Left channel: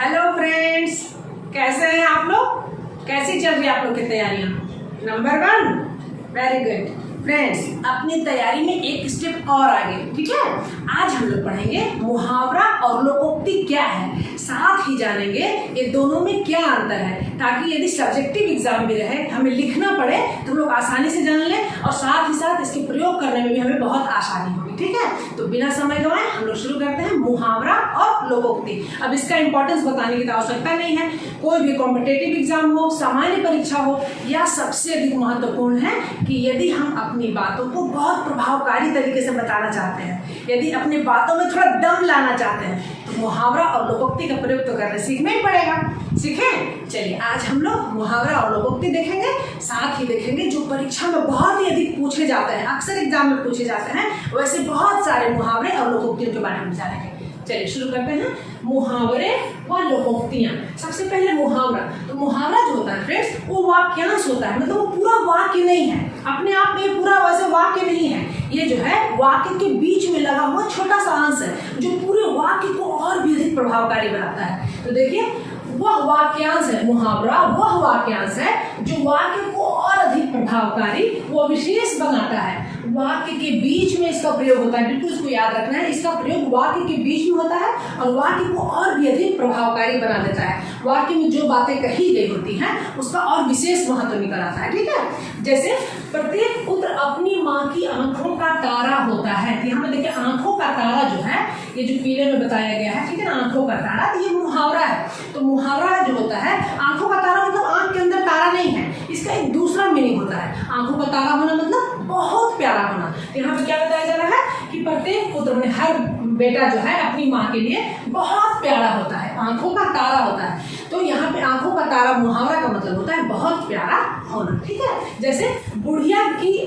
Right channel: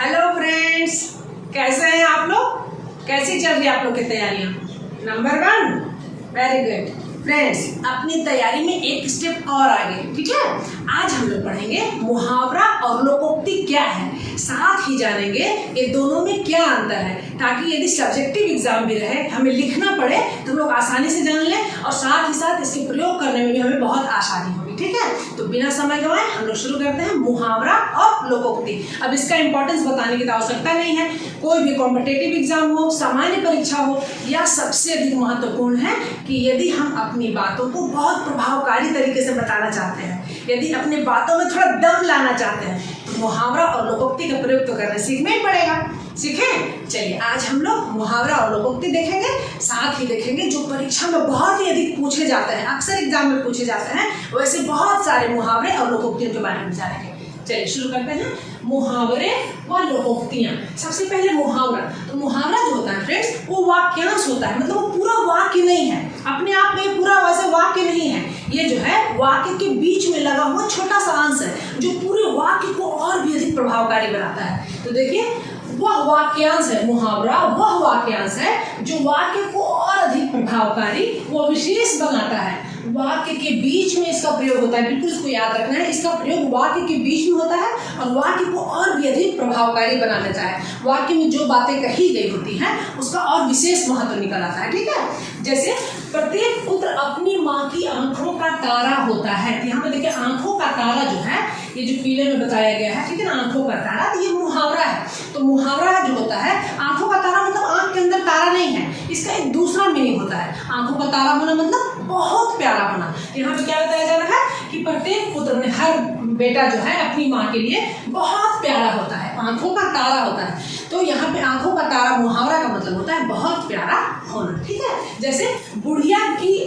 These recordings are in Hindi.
हेलो फ्रेंड्स, कैसे हैं आप लोग? कैसी चल रही है आप लोग की तैयारियां? Number 1, very good friends. अपनी तैयारी में एक स्टेप और आगे, ठीक है। आज हम लोग पढ़ेंगे मुहावरा और लोकोक्ति क्या है, साथ ही जानेंगे ये दोनों में क्या अंतर है, ताकि यदि सब्जेक्टिव एग्जाम भी रहे, हमें लिखना पड़े तो हम लोग आसानी से जान लें और साथ ही साथ इसके प्रयोग करने में भी हमें बहुत आसानी होगी, ठीक है। तो बिना समय गंवाए हम लोग शुरू करते हैं मुहावरा और लोकोक्ति। अब इसका इंपॉर्टेंस बताने की तो आवश्यकता नहीं है, कोई भी कॉम्पिटिटिव एग्जाम हो, सामान्य परीक्षा हो, या सबसे अधिक महत्वपूर्ण है कि यदि हम अपनी बातों को बहुत प्रभावकारी तरीके से बताना चाहते हैं, यदि अपनी बातों में थोड़ा दम लाना चाहते हैं, तो मुहावरा और लोकोक्ति का प्रयोग तो करना सीखना ही पड़ेगा। सीखें? चलिए आज हम लोग मुहावरा और लोकोक्ति देखेंगे, साथ ही देखेंगे जो परीक्षा में बहुत ही अधिक पूछे जाते हैं, अक्सर एग्जाम में पूछे जाते हैं, वैसे बहुत सारे मुहावरे और लोकोक्तियों के बारे में जानेंगे। चलिए शुरू करते हैं मुहावरे और लोकोक्तियां। सबसे पहले मुहावरा। तो मुहावरा जो होता है फ्रेंड्स, वो वाक्यांश होता है, मतलब वो पूरा वाक्य नहीं है, अपने आप में पूरा वैसे वाक्य नहीं है। ये जो है वाक्य के बीच में लगा हुआ छोटा सा अंश है जो पूरे वाक्य को और भी अधिक प्रभावकारी बनाता है। तो देखिए, वह वाक्यांश है मुहावरा, वह वाक्यांश है जो वाक्य को और अधिक प्रभावकारी व विशेष बनाता है। वाक्य के बीच में इसका प्रयोग होता है, बिल्कुल इसको याद रखना है। इसका प्रयोग वाक्य के बीच में होता है और वाक्य को और भी अधिक प्रभावकारी बना देता है। वाक्य में जो बातें कही गई होती हैं उसका और विशेष महत्व निकल आता है, ठीक है। जैसे प्रत्येक पुत्र अपनी माँ की आंखों का तारा होता है। यहाँ पे देखिए, आंखों का तारा जो है, ये जो पीले में बताया गया है, ठीक है ना, आंखों का तारा, तो ये मुहावरा है। तो मुहावरा जो होता है, आंखों का तारा मतलब आंख के अंदर तारा नहीं है, इसका एक दूसरा मीनिंग होता है। आंखों का तारा होना मतलब बहुत प्यारा होना। यहाँ पे क्या बताया जा रहा है कि प्रत्येक पुत्र में, हर बेटा जो है अपनी माँ के लिए बहुत प्यारा होता है, आंखों का तारा होता है। तो यहाँ पे आंखों का तारा मुहावरा का मतलब होता है बहुत प्यारा होना, ठीक है। जैसे बुढ़िया की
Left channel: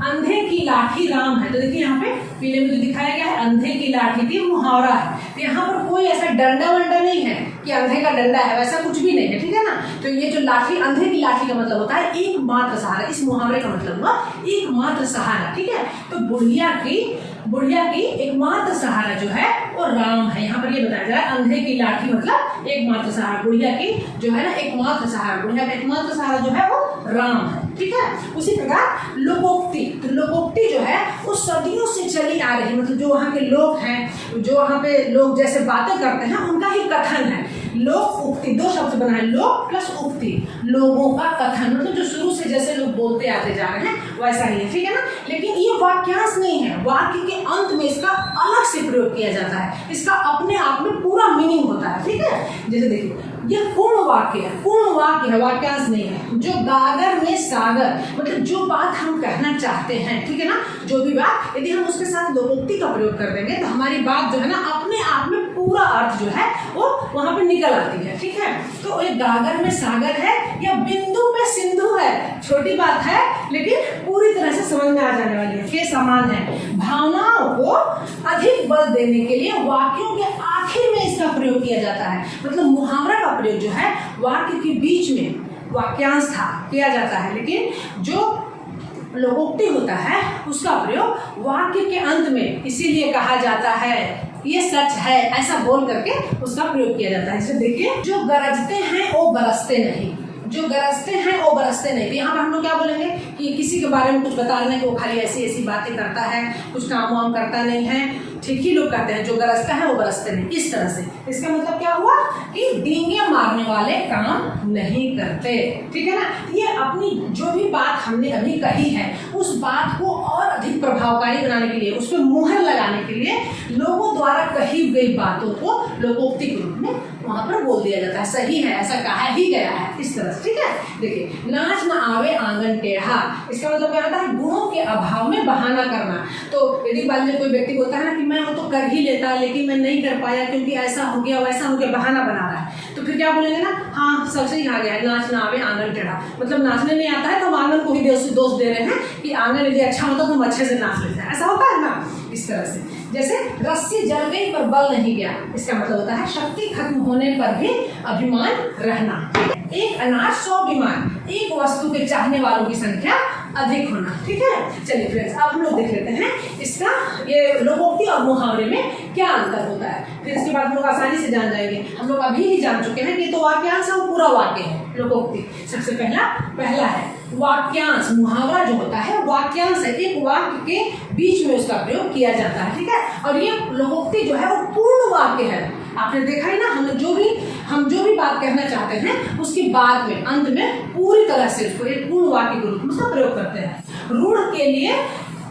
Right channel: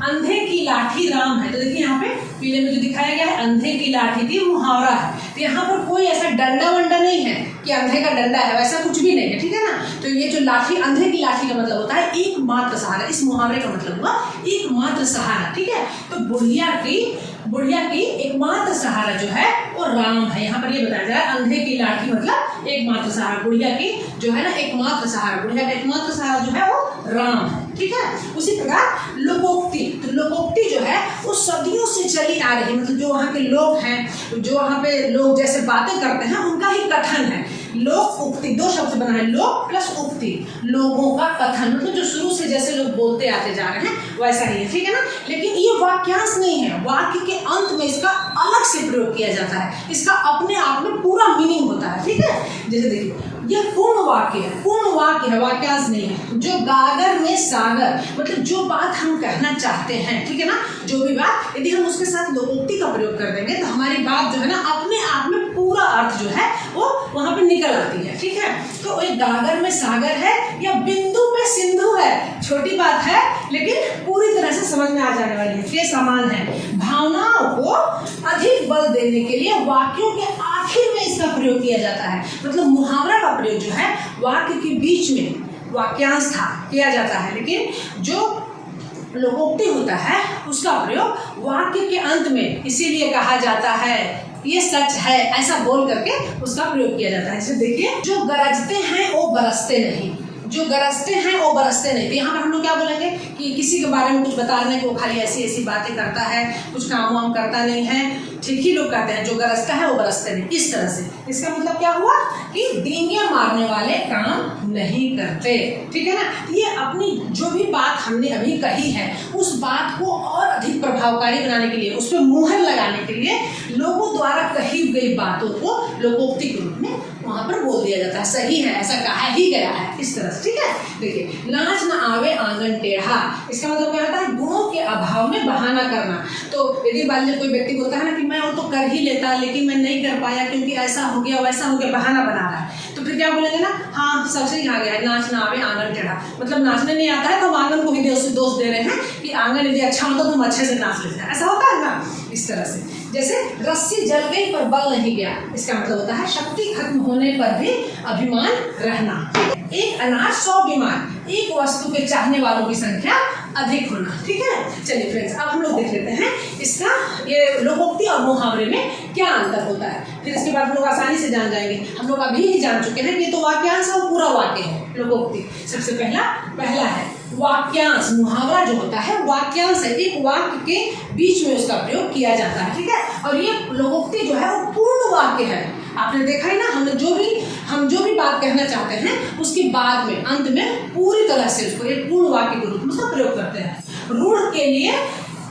अंधे की लाठी राम है। तो देखिए यहाँ पे पीले में जो दिखाया गया है, अंधे की लाठी थी, मुहावरा है। तो यहाँ पर कोई ऐसा डंडा वंडा नहीं है कि अंधे का डंडा है, वैसा कुछ भी नहीं है, ठीक है ना। तो ये जो लाठी, अंधे की लाठी का मतलब होता है एकमात्र सहारा। इस मुहावरे का मतलब हुआ एकमात्र सहारा, ठीक है। तो बुढ़िया की एकमात्र सहारा जो है वो राम है। यहाँ पर ये बताया जा रहा है, अंधे की लाठी मतलब एकमात्र सहारा, बुढ़िया की जो है ना एकमात्र सहारा, बुढ़िया का एकमात्र सहारा जो है वो राम है, ठीक है। उसी प्रकार लोकोक्ति। तो लोकोक्ति जो है वो सदियों से चली आ रही, मतलब जो वहाँ के लोग हैं, जो वहाँ पे लोग जैसे बातें करते हैं, उनका ही कथन है। लोक उक्ति, दो शब्द बना है, लोक प्लस उक्ति, लोगों का कथन, मतलब जो शुरू से जैसे लोग बोलते आते जा रहे हैं वैसा ही है, ठीक है ना। लेकिन ये वाक्यांश नहीं है, वाक्य के अंत में इसका अलग से प्रयोग किया जाता है, इसका अपने आप में पूरा मीनिंग होता है, ठीक है। जैसे देखिए, ये पूर्ण वाक्य है, वाक्यांश नहीं है। जो गागर में सागर, मतलब जो बात हम कहना चाहते हैं, ठीक है ना, जो भी बात, यदि हम उसके साथ लोकोक्ति का प्रयोग कर देंगे तो हमारी बात जो है ना अपने आप में पूरा अर्थ जो है वो वहां पे निकल आती है, ठीक है। तो ये गागर में सागर है या बिंदु में सिंधु है, छोटी बात है लेकिन पूरी तरह से समझ में आ जाने वाली है, के समान है। भावनाओं को अधिक बल देने के लिए वाक्यों के आखिर में इसका प्रयोग किया जाता है। मतलब मुहावरा का प्रयोग जो है वाक्य के बीच में, वाक्यांश था, किया जाता है, लेकिन जो लोकोक्ति होता है उसका प्रयोग वाक्य के अंत में, इसीलिए कहा जाता है ये सच है, ऐसा बोल करके उसका प्रयोग किया जाता है। जैसे देखिए, जो गरजते हैं वो बरसते नहीं, जो गरजते हैं वो बरसते नहीं। तो यहाँ पर हम लोग क्या बोलेंगे कि किसी के बारे में कुछ बता रहे हैं कि वो खाली ऐसी ऐसी बातें करता है, कुछ काम वाम करता नहीं है, ठीक ही लोग कहते हैं जो गरजता है वो बरसते नहीं, इस तरह से। इसका मतलब क्या हुआ कि डींगे मारने वाले काम नहीं करते, ठीक है ना। ये अपनी जो भी बात हमने अभी कही है उस बात को और अधिक प्रभावकारी बनाने के लिए, उस पर मुहर लगाने के लिए लोगों द्वारा कही गई बातों को लोकोक्ति के रूप में वहां पर बोल दिया जाता है। सही है, ऐसा कहा ही गया है, इस तरह से, ठीक है। देखिए, नाच न आवे आंगन टेढ़ा, इसका मतलब क्या होता है, गुणों के अभाव में बहाना करना। तो यदि मान लीजिए कोई व्यक्ति बोलता है ना कि मैं वो तो कर ही लेता लेकिन मैं नहीं कर पाया क्योंकि ऐसा हो गया वैसा हो गया, बहाना बना रहा है, तो फिर क्या बोलेंगे ना, हाँ सबसे ही आ गया है, नाच न आवे आंगन टेढ़ा, मतलब नाचने नहीं आता है तो हम आंगन को ही दोष दे रहे हैं कि आंगन यदि अच्छा होता तो हम अच्छे से नाच लेते हैं, ऐसा होता है ना, इस तरह से। जैसे रस्सी जल गई पर बल नहीं गया, इसका मतलब होता है शक्ति खत्म होने पर भी अभिमान रहना। एक अनाज 100 बीमार, एक वस्तु के चाहने वालों की संख्या अधिक होना। ठीक है, चलिए फ्रेंड्स अब हम लोग देख लेते हैं इसका ये लोकोक्ति और मुहावरे में क्या अंतर होता है। फिर इसके बाद हम लोग आसानी से जान जाएंगे। हम लोग अभी ही जान चुके हैं कि तो वाक्यांश है वो पूरा वाक्य है। लोकोक्ति सबसे पहला है वाक्यांश। मुहावरा जो होता है वाक्यांश है, एक वाक्य के बीच में उसका प्रयोग किया जाता है। ठीक है, और ये लोकोक्ति जो है वो पूर्ण वाक्य है। आपने देखा है ना, हम जो भी बात कहना चाहते हैं उसके बाद में अंत में पूरी तरह से उसको एक पूर्ण वाक्य के रूप में उसका प्रयोग करते हैं। रूढ़ के लिए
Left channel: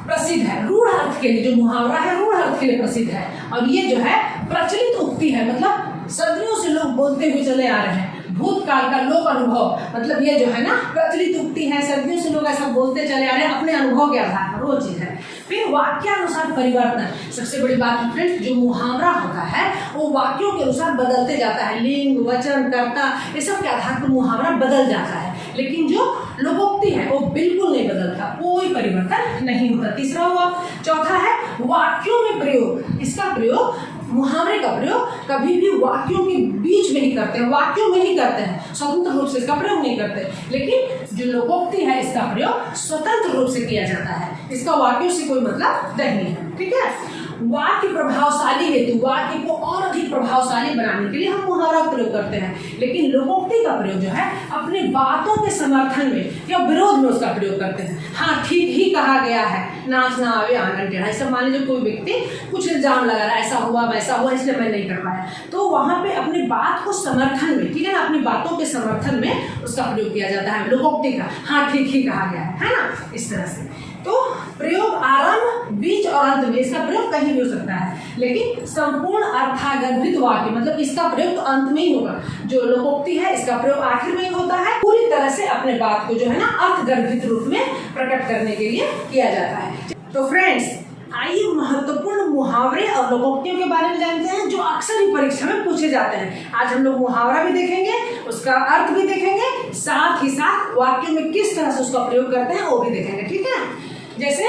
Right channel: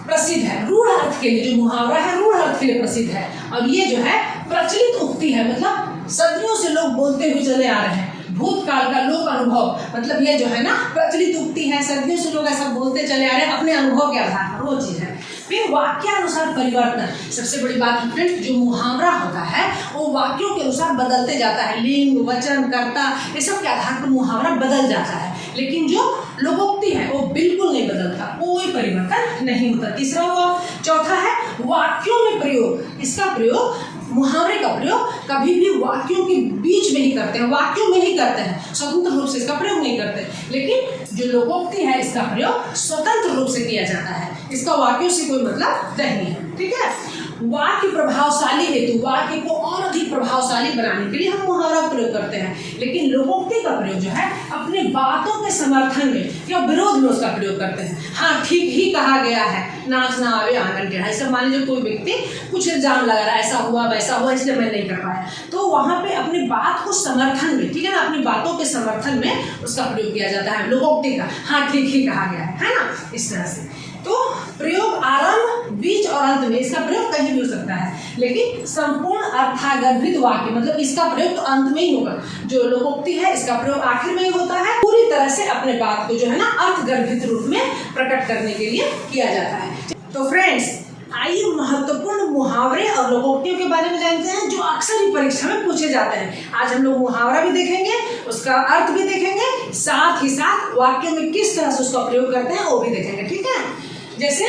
प्रसिद्ध है, रूढ़ अर्थ के लिए जो मुहावरा है रूढ़ अर्थ के लिए प्रसिद्ध है। और ये जो है प्रचलित उक्ति है, मतलब सदियों से लोग बोलते हुए चले आ रहे हैं। भूतकाल का लोक अनुभव, मतलब ये जो है ना प्रचलित उक्ति है, सदियों से लोग ऐसा बोलते चले आ रहे हैं अपने अनुभव के आधार पर, वो चीज है। फिर वाक्यानुसार परिवर्तन, सबसे बड़ी बात है फ्रेंड्स, जो मुहावरा होता है वो वाक्यों के अनुसार बदलते जाता है। लिंग, वचन, कर्ता, ये सब के आधार पर मुहावरा बदल जाता है। लेकिन जो लोकोक्ति है वो बिल्कुल नहीं बदलता, कोई परिवर्तन नहीं होता। तीसरा हुआ। चौथा है वाक्यों में प्रयोग। इसका प्रयोग, मुहावरे का प्रयोग कभी भी वाक्यों के बीच में ही करते हैं, वाक्यों में ही करते हैं, स्वतंत्र रूप से इसका प्रयोग नहीं करते। लेकिन जो लोकोक्ति है इसका प्रयोग स्वतंत्र रूप से किया जाता है, इसका वाक्यों से कोई मतलब नहीं है। ठीक है, वाक्य प्रभावशाली हेतु, वाक्य को और अधिक प्रभावशाली बनाने के लिए हम मुहावरा का प्रयोग करते हैं। लेकिन लोकोक्ति का प्रयोग जो है अपनी बातों के समर्थन में या विरोध में उसका प्रयोग करते हैं। हाँ, ठीक ही कहा गया है, नाच ना आवे आंगन टेढ़ा। ऐसा मान लीजिए कोई व्यक्ति कुछ इल्जाम लगा रहा है, ऐसा हुआ वैसा हुआ इसलिए मैं नहीं कर पाया, तो वहां पे अपनी बात को समर्थन में, ठीक है ना, अपनी बातों के समर्थन में उसका प्रयोग किया जाता है लोकोक्ति का। हाँ, ठीक ही कहा गया है ना, इस तरह से। तो प्रयोग आरंभ, बीच और अंत में इसका प्रयोग कहीं भी हो सकता है, लेकिन संपूर्ण अर्थागर्भित वाक्य, मतलब इसका प्रयोग तो अंत में ही होगा। जो लोकोक्ति है इसका प्रयोग आखिर में ही होता है, पूरी तरह से अपने बात को जो है ना अर्थगर्भित रूप में प्रकट करने के लिए किया जाता है। तो फ्रेंड्स आइए महत्वपूर्ण मुहावरे और लोकोक्तियों के बारे में जानते हैं जो अक्सर ही परीक्षा में पूछे जाते हैं। आज हम लोग मुहावरा भी देखेंगे, उसका अर्थ भी देखेंगे, साथ ही साथ वाक्यों में किस तरह से उसका प्रयोग करते हैं वो भी देखेंगे। ठीक है, जैसे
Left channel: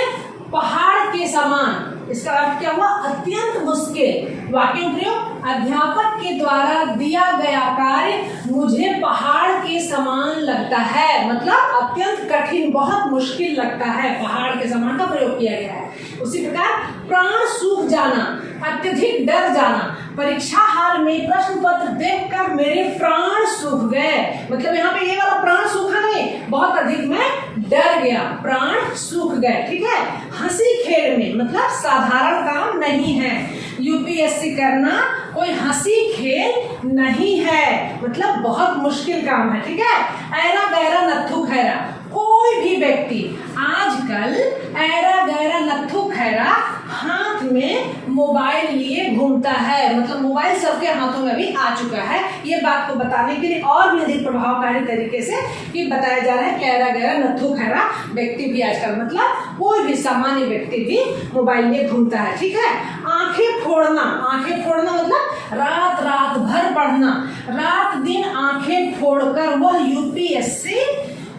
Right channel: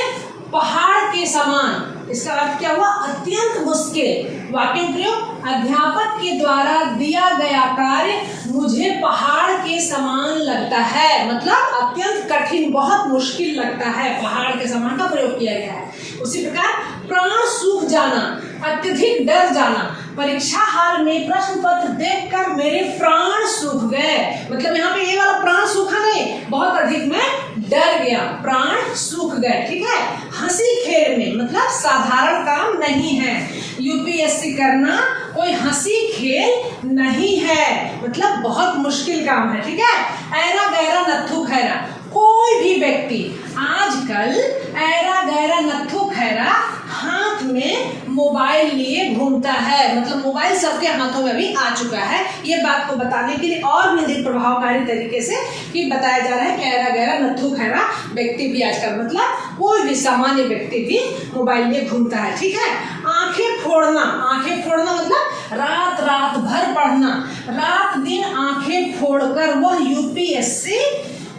पहाड़ के समान, इसका अर्थ क्या हुआ? अत्यंत मुश्किल। वाक्य प्रयोग, अध्यापक के द्वारा दिया गया कार्य मुझे पहाड़ के समान लगता है, मतलब अत्यंत कठिन, बहुत मुश्किल लगता है, पहाड़ के समान का प्रयोग किया गया है। उसी प्रकार प्राण सूख जाना, अत्यधिक डर जाना, परीक्षा हाल में प्रश्न पत्र देखकर मेरे प्राण सूख गए, मतलब यहाँ पे ये वाला प्राण सूखा नहीं, बहुत अधिक मैं डर गया, प्राण सूख गए। ठीक है, हंसी खेल में, मतलब साधारण काम नहीं है, यूपीएससी करना कोई हंसी खेल नहीं है, मतलब बहुत मुश्किल काम है। ठीक है, ऐरा गैरा नत्थु खैरा, कोई भी व्यक्ति आजकल ऐरा गैरा नत्थु खैरा हाथ में मोबाइल लिए घूमता है, मतलब मोबाइल सबके हाथों में भी आ चुका है। ये बात को बताने के लिए और भी अधिक प्रभावकारी तरीके से ये बताया जा रहा है कि ऐरा गैरा नत्थु खैरा व्यक्ति भी आजकल, मतलब कोई भी सामान्य व्यक्ति भी मोबाइल लिए घूमता है। ठीक है, आंखें फोड़ना, आंखें फोड़ना मतलब रात रात भर पढ़ना, रात दिन आंखें फोड़कर वह यूपीएससी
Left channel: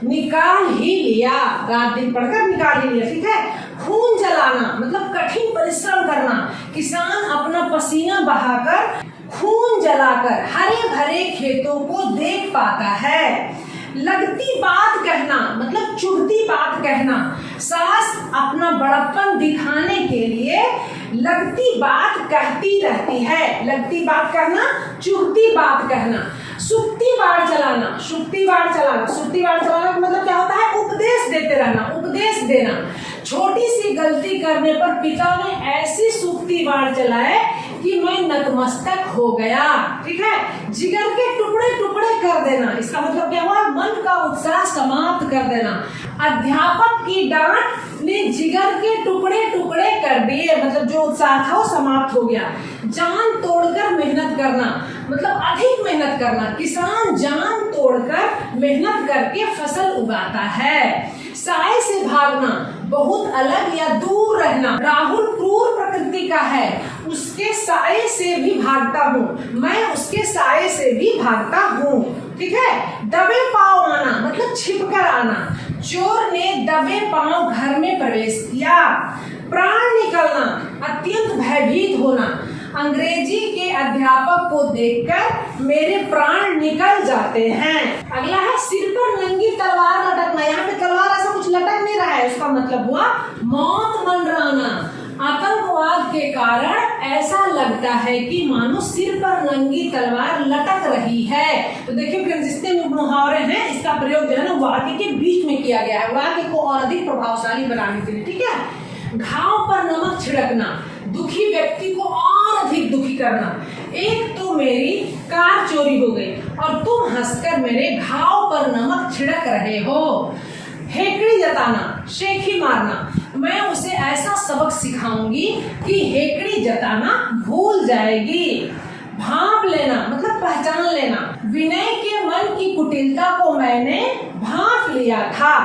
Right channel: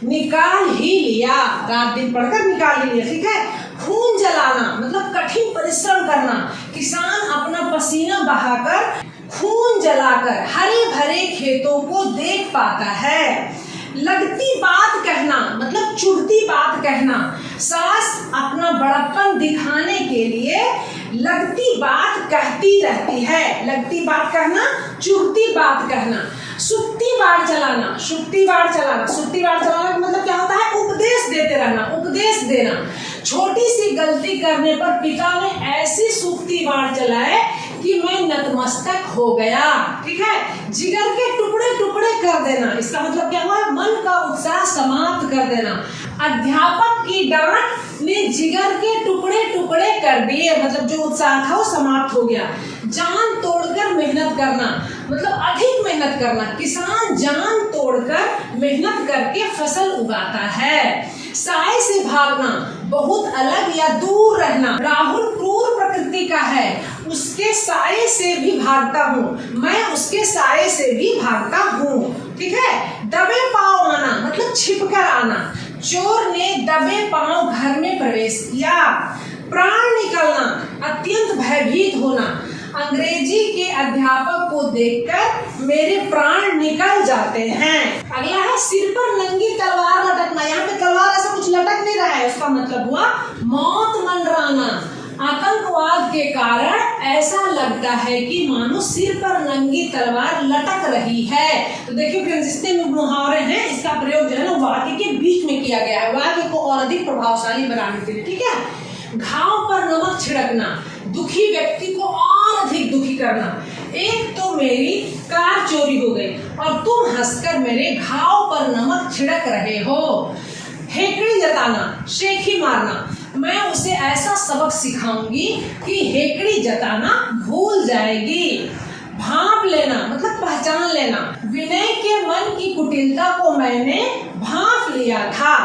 निकाल ही लिया, रात दिन पढ़कर निकाल ही लिया। ठीक है, खून जलाना मतलब कठिन परिश्रम करना, किसान अपना पसीना बहाकर खून जलाकर हरे भरे खेतों को देख पाता है। लगती बात कहना मतलब चुभती बात कहना, सास अपना बड़प्पन दिखाने के लिए लगती बात कहती रहती है, लगती बात कहना, चुभती बात कहना। सुक्ति बाढ़ चलाना, सुक्ति बाढ़ चलाना, सुक्ति बाढ़ चलाना का मतलब क्या होता है? उपदेश देते रहना, उपदेश देना। छोटी सी गलती करने पर पिता ने ऐसी सुक्ति बाढ़ चलाए कि मैं नतमस्तक हो गया। ठीक है, जिगर के टुकड़े टुकड़े कर देना, इसका मतलब क्या हुआ? मन का उत्साह समाप्त कर देना। अध्यापक की डांट ने जिगर के टुकड़े टुकड़े कर दिए, मतलब जो उत्साह था वो समाप्त हो गया। जान तोड़कर मेहनत करना मतलब अधिक मेहनत करना, किसान जान तोड़कर मेहनत करके फसल उगाता है। साए से भागना बहुत अलग या दूर रहना, राहुल क्रूर प्रकृति का है, उसके साए से भी भागता हूँ, मैं उसके साए से भी भागता हूँ। ठीक है, दबे पांव आना मतलब छिपकर आना, चोर ने दबे पांव घर में प्रवेश किया। प्राण निकलना अत्यंत भयभीत होना, अंग्रेजी के अध्यापक को देखकर मेरे प्राण निकल जाते हैं। अगला है सिर पर नंगी तलवार लटकना, यहाँ पे तलवार ऐसा कुछ लटक नहीं रहा है, उसका मतलब हुआ मौत मंडराना। आतंकवाद के कारण ऐसा लगता है कि मानो सिर पर नंगी तलवार लटक रही है। तो देखिए फ्रेंड्स, जितने भी मुहावरे हैं इसका प्रयोग जो है ना वाक्य के बीच में किया गया है, वाक्य को और अधिक प्रभावशाली बनाने के लिए। ठीक है, घाव पर नमक छिड़कना, दुखी व्यक्ति को और अधिक दुखी करना। एक तो मेरी कार चोरी हो गई और तुम हंसकर मेरे घाव पर नमक छिड़क रहे हो। हेकड़ी जताना, शेखी मारना, मैं उसे ऐसा सबक सिखाऊंगी कि हेकड़ी जताना भूल जाएगी। भांप लेना मतलब पहचान लेना, विनय के मन की कुटिलता को मैंने भांप लिया था।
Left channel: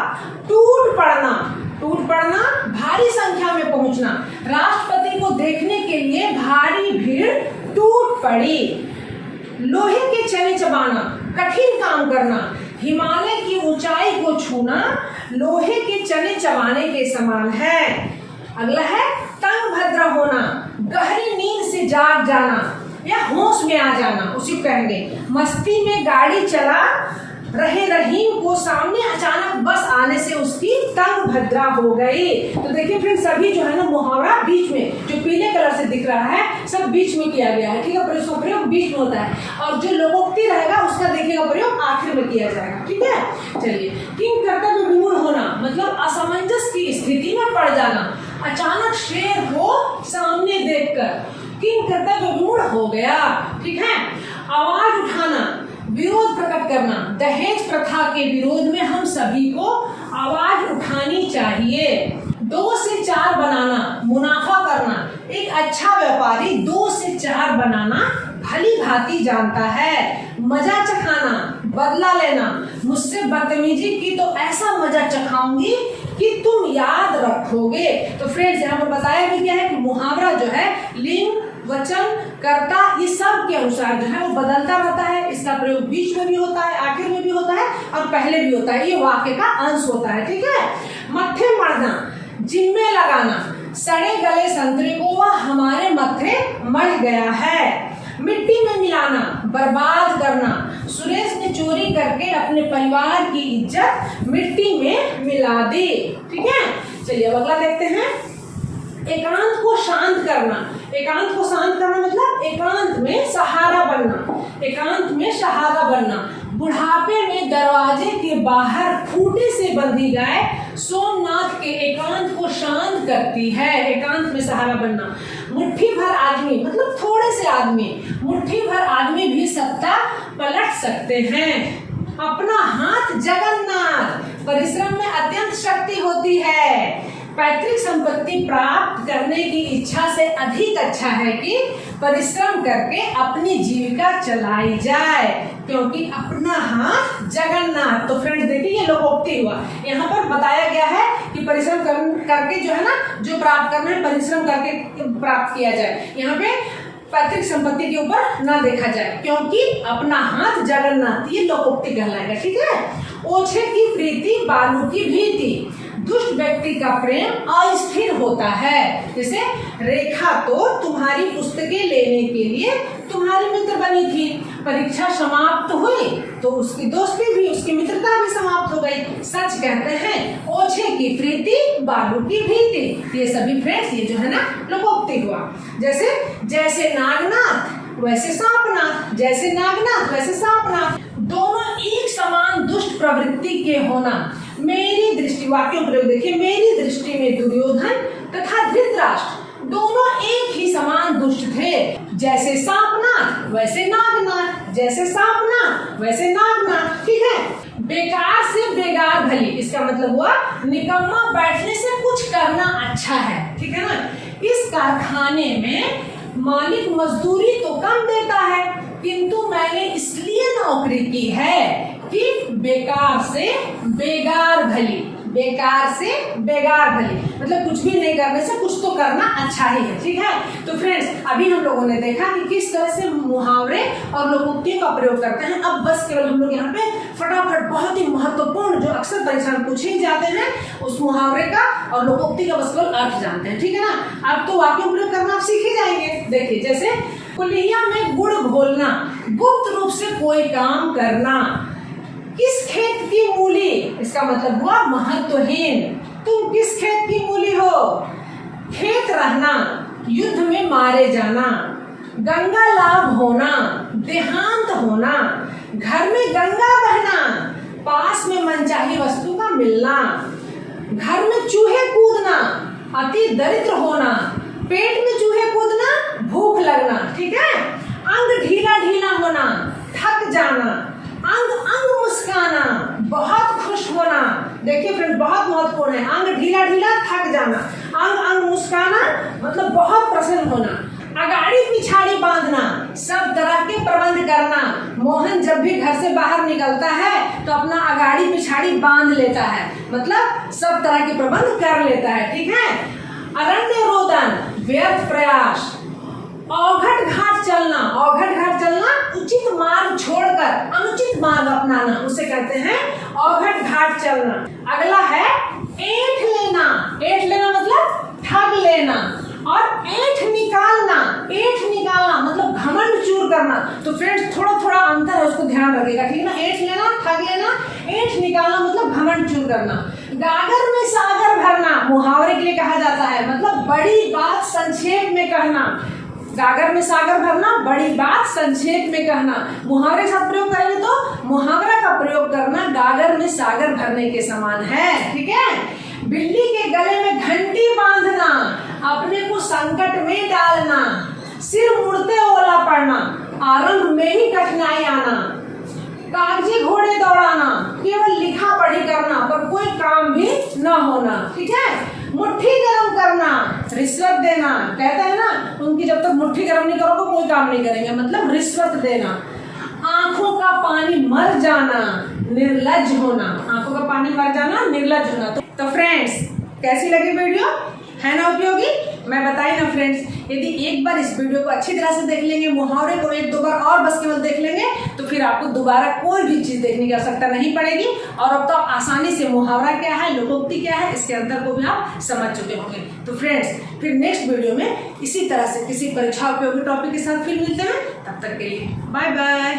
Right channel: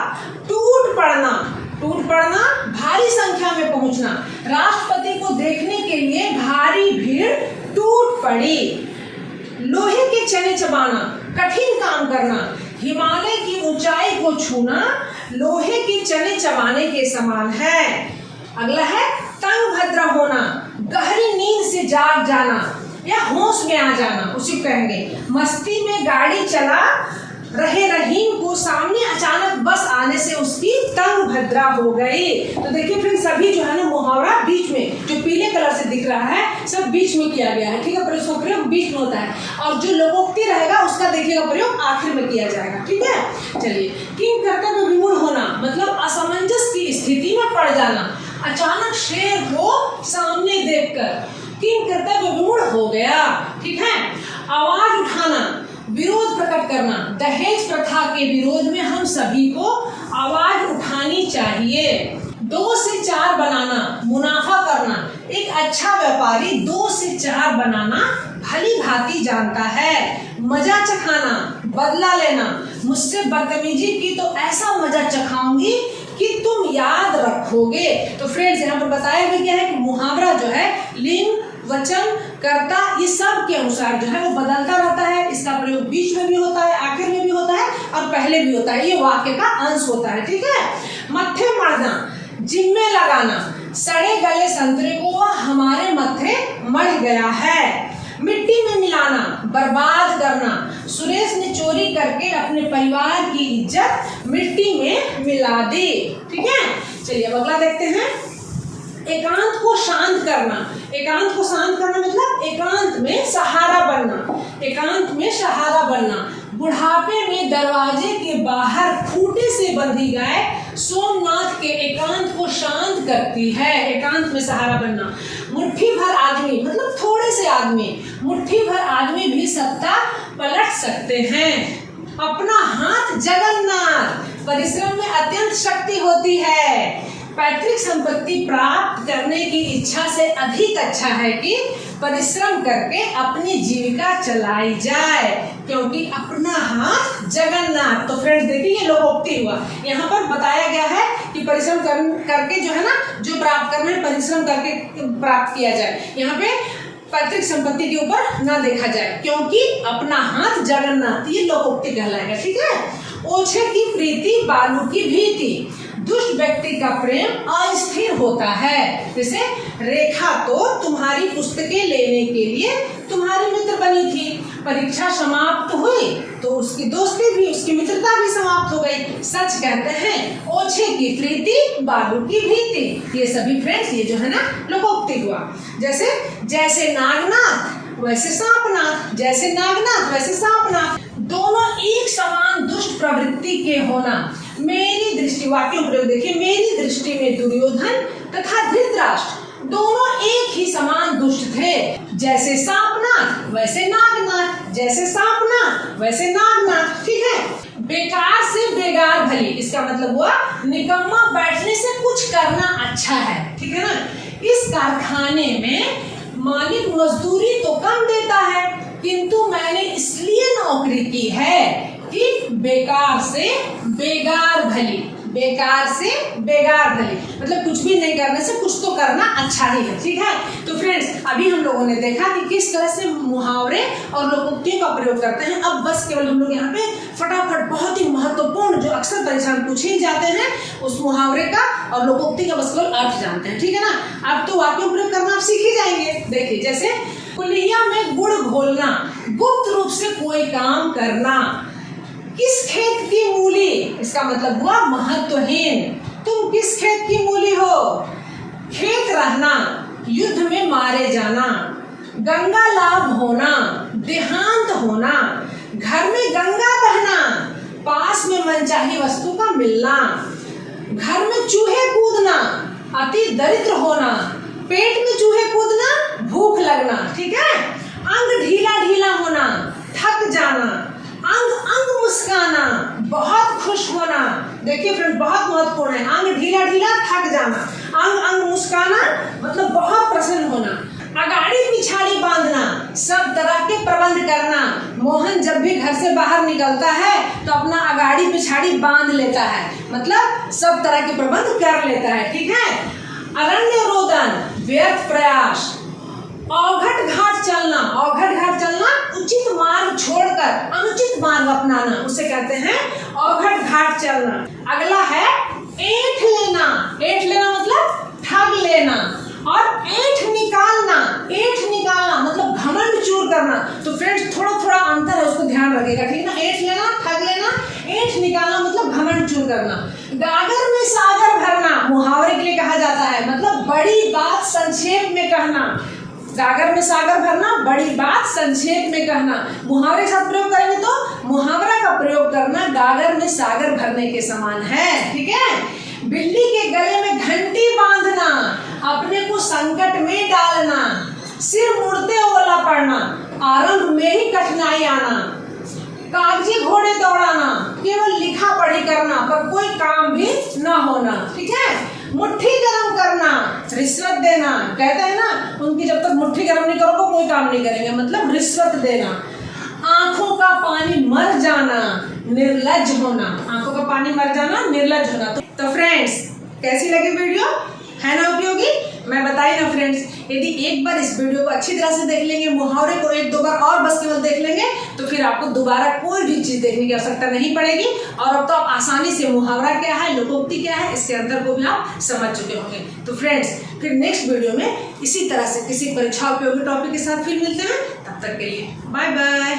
टूट पड़ना, टूट पड़ना भारी संख्या में पहुंचना, राष्ट्रपति को देखने के लिए भारी भीड़ टूट पड़ी। लोहे के चने चबाना, कठिन काम करना, हिमालय की ऊंचाई को छूना लोहे के चने चबाने के समान है। अगला है तंग भद्र होना, गहरी नींद से जाग जाना या होश में आ जाना, उसी कहेंगे। मस्ती में गाड़ी चला रहे रहीम को सामने अचानक बस आने से उसकी तंग भद्रा हो गई। तो देखिए फ्रेंड्स, सभी जो है ना मुहावरा बीच में, जो पीले कलर से दिख रहा है सब बीच में किया गया है। ठीक है, पर उसका प्रयोग बीच में होता है, और जो लोकोक्ति रहेगा उसका देखिएगा प्रयोग आखिर में किया जाएगा। ठीक है, चलिए। किंग कर्तव्य विमूढ़ होना मतलब असमंजस की स्थिति में पड़ जाना, अचानक शेर को सामने देखकर किंग कर्तव्य विमूढ़ हो गया। ठीक है, आवाज उठाना, विरोध प्रकट करना, दहेज प्रथा के विरोध में हम सभी को आवाज उठानी चाहिए। 2 से 4 बनाना, मुनाफा करना, एक अच्छा व्यापारी 2 से 4 बनाना भली भांति जानता है। मजा चखाना, बदला लेना, मुझसे बदतमीजी की तो ऐसा मजा चखाऊंगी कि तुम याद रखोगे। तो फ्रेंड्स, यहाँ पर बताया गया है कि मुहावरा जो है लिंग, वचन, कर्ता, ये सब के अनुसार जो है वो बदलता रहता है। इसका प्रयोग बीच में भी होता है, आखिर में भी होता है और पहले भी होता है। ये वाक्य का अंश होता है। ठीक है, मत्थे मढ़ना, जिम्मे लगाना, सड़े गले संतरे को वह हमारे मत्थे मढ़ गया है। मिट्टी में मिलाना, बर्बाद करना, सुरेश ने चोरी करके अपने परिवार की इज्जत मिट्टी में मिला दी। ठीक है, चलिए अब अगला देखते हैं। एकांत को शांत करना, एकांत को शांत करना मतलब एकांत में सहारा बनना, एकांत में सहारा बनना। बुढ़ापे में दरवाजे के बाहर खूंटे से बंधी गाय सोमनाथ के एकांत को शांत करती है। एकांत में सहारा बनना। मुट्ठी भर आदमी मतलब थोड़े से आदमी, मुट्ठी भर आदमी भी सत्ता पलट सकते हैं। अपना हाथ जगन्नाथ, परिश्रम में अत्यंत शक्ति होती है। पैतृक संपत्ति प्राप्त करने की इच्छा से अधिक अच्छा है कि परिश्रम करके अपनी जीविका चलाई जाए, क्योंकि अपना हाथ जगन्नाथ। तो फ्रेंड्स देखिए, ये लोकोक्ति हुआ। यहाँ पर बताया गया है कि परिश्रम करके जो है ना, जो प्राप्त करना है परिश्रम करके प्राप्त किया जाए। यहाँ पे पैतृक संपत्ति के ऊपर ना देखा जाए, क्योंकि अपना हाथ जगन्नाथ, ये लोकोक्ति कहलाएगा। ठीक है। ओछे की प्रीति बालू की भीति, दुष्ट व्यक्ति का प्रेम अस्थिर होता है। जैसे रेखा तो तुम्हारी पुस्तकें लेने के लिए तुम्हारी मित्र बनी थी, परीक्षा समाप्त हुई तो उसकी दोस्ती भी, उसकी मित्रता भी समाप्त हो गई। सच कहते हैं ओछे की प्रीति बालू की भीति। ये सभी फ्रेंड्स, ये जो है ना लोकोक्ति हुआ। जैसे जैसे नागनाथ वैसे सांपनाथ, जैसे नागनाथ वैसे सांपनाथ, दोनों एक समान दुष्ट प्रवृत्ति के होना। मेरी दृष्टि, वाक्यों प्रयोग देखिए, मेरी दृष्टि में दुर्योधन तथा धृतराष्ट्र दोनों एक ही समान दुष्ट थे। जैसे सांपनाथ वैसे नागनाथ, जैसे सांपनाथ वैसे नागनाथ। ठीक है। बेकार से बेगार भली, इसका मतलब हुआ निकम्मा बैठने से कुछ करना अच्छा है। ठीक है ना। इस कारखाने में मालिक मजदूरी तो कम देता है, किंतु मैंने इसलिए नौकरी की है कि बेकार से बेगार भली, बेकार से बेगार भली मतलब कुछ भी नहीं करने से कुछ तो करना अच्छा ही है। ठीक है। तो फ्रेंड्स, अभी हम लोगों ने देखा कि किस तरह से मुहावरे और लोकोक्तियों का प्रयोग करते हैं। अब बस केवल हम लोग यहाँ पे फटाफट बहुत ही महत्वपूर्ण जो अक्सर परेशान पूछे जाते हैं उस मुहावरे का और लोकोक्ति का बस केवल अर्थ जानते हैं। ठीक है ना। अब तो वाक्यों प्रयोग करना आप सीख ही जाएंगे। देखिए, जैसे कुलिया में गुड़ घोलना, गुप्त रूप से कोई काम करना। किस खेत की मूली, इसका मतलब हुआ महत्वहीन। तुम किस खेत की मूली हो? खेत रहना, युद्ध में मारे जाना, गंगा लाभ होना, देहांत होना, घर में गंगा बहना, पास में मनचाही वस्तु का मिलना, घर में चूहे कूदना, अति दरिद्र होना, पेट में चूहे कूदना, भूख लगना, ठीक है। अंग ढीला ढीला होना, थक जाना, अंग अंग मुस्काना, बहुत खुश होना। देखिए फ्रेंड, बहुत महत्वपूर्ण है। अंग ढीला ढीला, थक जाना, अंग अंग मुस्काना मतलब बहुत प्रसन्न होना। अगाड़ी पिछाड़ी बांधना, सब तरह के प्रबंध करना। मोहन जब भी घर से बाहर निकलता है तो अपना अगाड़ी पिछाड़ी बांध लेता है, मतलब सब तरह के प्रबंध कर लेता है, ठीक है। अरण्य रोदन, व्यर्थ प्रयास। औघट घाट चलना, औघट घाट चलना उचित मार्ग छोड़कर अनुचित मार्ग अपनाना, उसे कहते हैं औघट घाट चलना। अगला है ऐंठ लेना। ऐंठ लेना मतलब ठग लेना, और ऐंठ निकालना, ऐंठ निकालना मतलब घमंड चूर करना। तो फ्रेंड्स थोड़ा थोड़ा अंतर है, उसको ध्यान रखिएगा, ठीक है ना। ऐंठ लेना, ठग लेना, ऐंठ निकालना मतलब घमंड चूर करना। गागर में सागर भरना मुहावरे के लिए कहा जाता है, मतलब बड़ी बात संक्षेप में कहना। गागर में सागर भरना, बड़ी बात संक्षेप में कहना। मुहावरे के साथ प्रयोग करेंगे तो मुहावरा का प्रयोग करना गागर में सागर भरने के समान है, ठीक है। बिल्ली के गले में घंटी बांधना, अपने को संकट में डालना। सिर मुड़ते ओला पड़ना, आरंभ में ही कठिनाई आना। कागजी घोड़े दौड़ाना, केवल लिखा पढ़ी करना पर कोई काम भी न होना, ठीक है। मुट्ठी गरम करना, रिश्वत देना, कहते हैं ना उनकी जब तक मुट्ठी गरम नहीं करोगे कोई काम नहीं करेंगे, मतलब रिश्वत देना। आंखों का पानी मर जाना, निर्लज्ज होना। आंखों का पानी मर जाना, निर्लज्ज होना। तो फ्रेंड्स, कैसी लगी वीडियो? है ना उपयोगी? मैं बताई ना फ्रेंड्स, यदि एक बार इस वीडियो को अच्छी तरह से देख लेंगे, मुहावरे को एक दो बार और बस केवल देख लेंगे, तो फिर आपको दोबारा कोई भी चीज़ देखने की आवश्यकता नहीं पड़ेगी। और अब तो आप आसानी से मुहावरा क्या है, लोकोक्ति क्या है, इसके अंतर को भी आप समझ चुके होंगे। तो फ्रेंड्स, फिर नेक्स्ट वीडियो में इसी तरह से किसी परीक्षा उपयोगी टॉपिक के साथ फिर मिलते हैं। तब तक के लिए बाय बाय।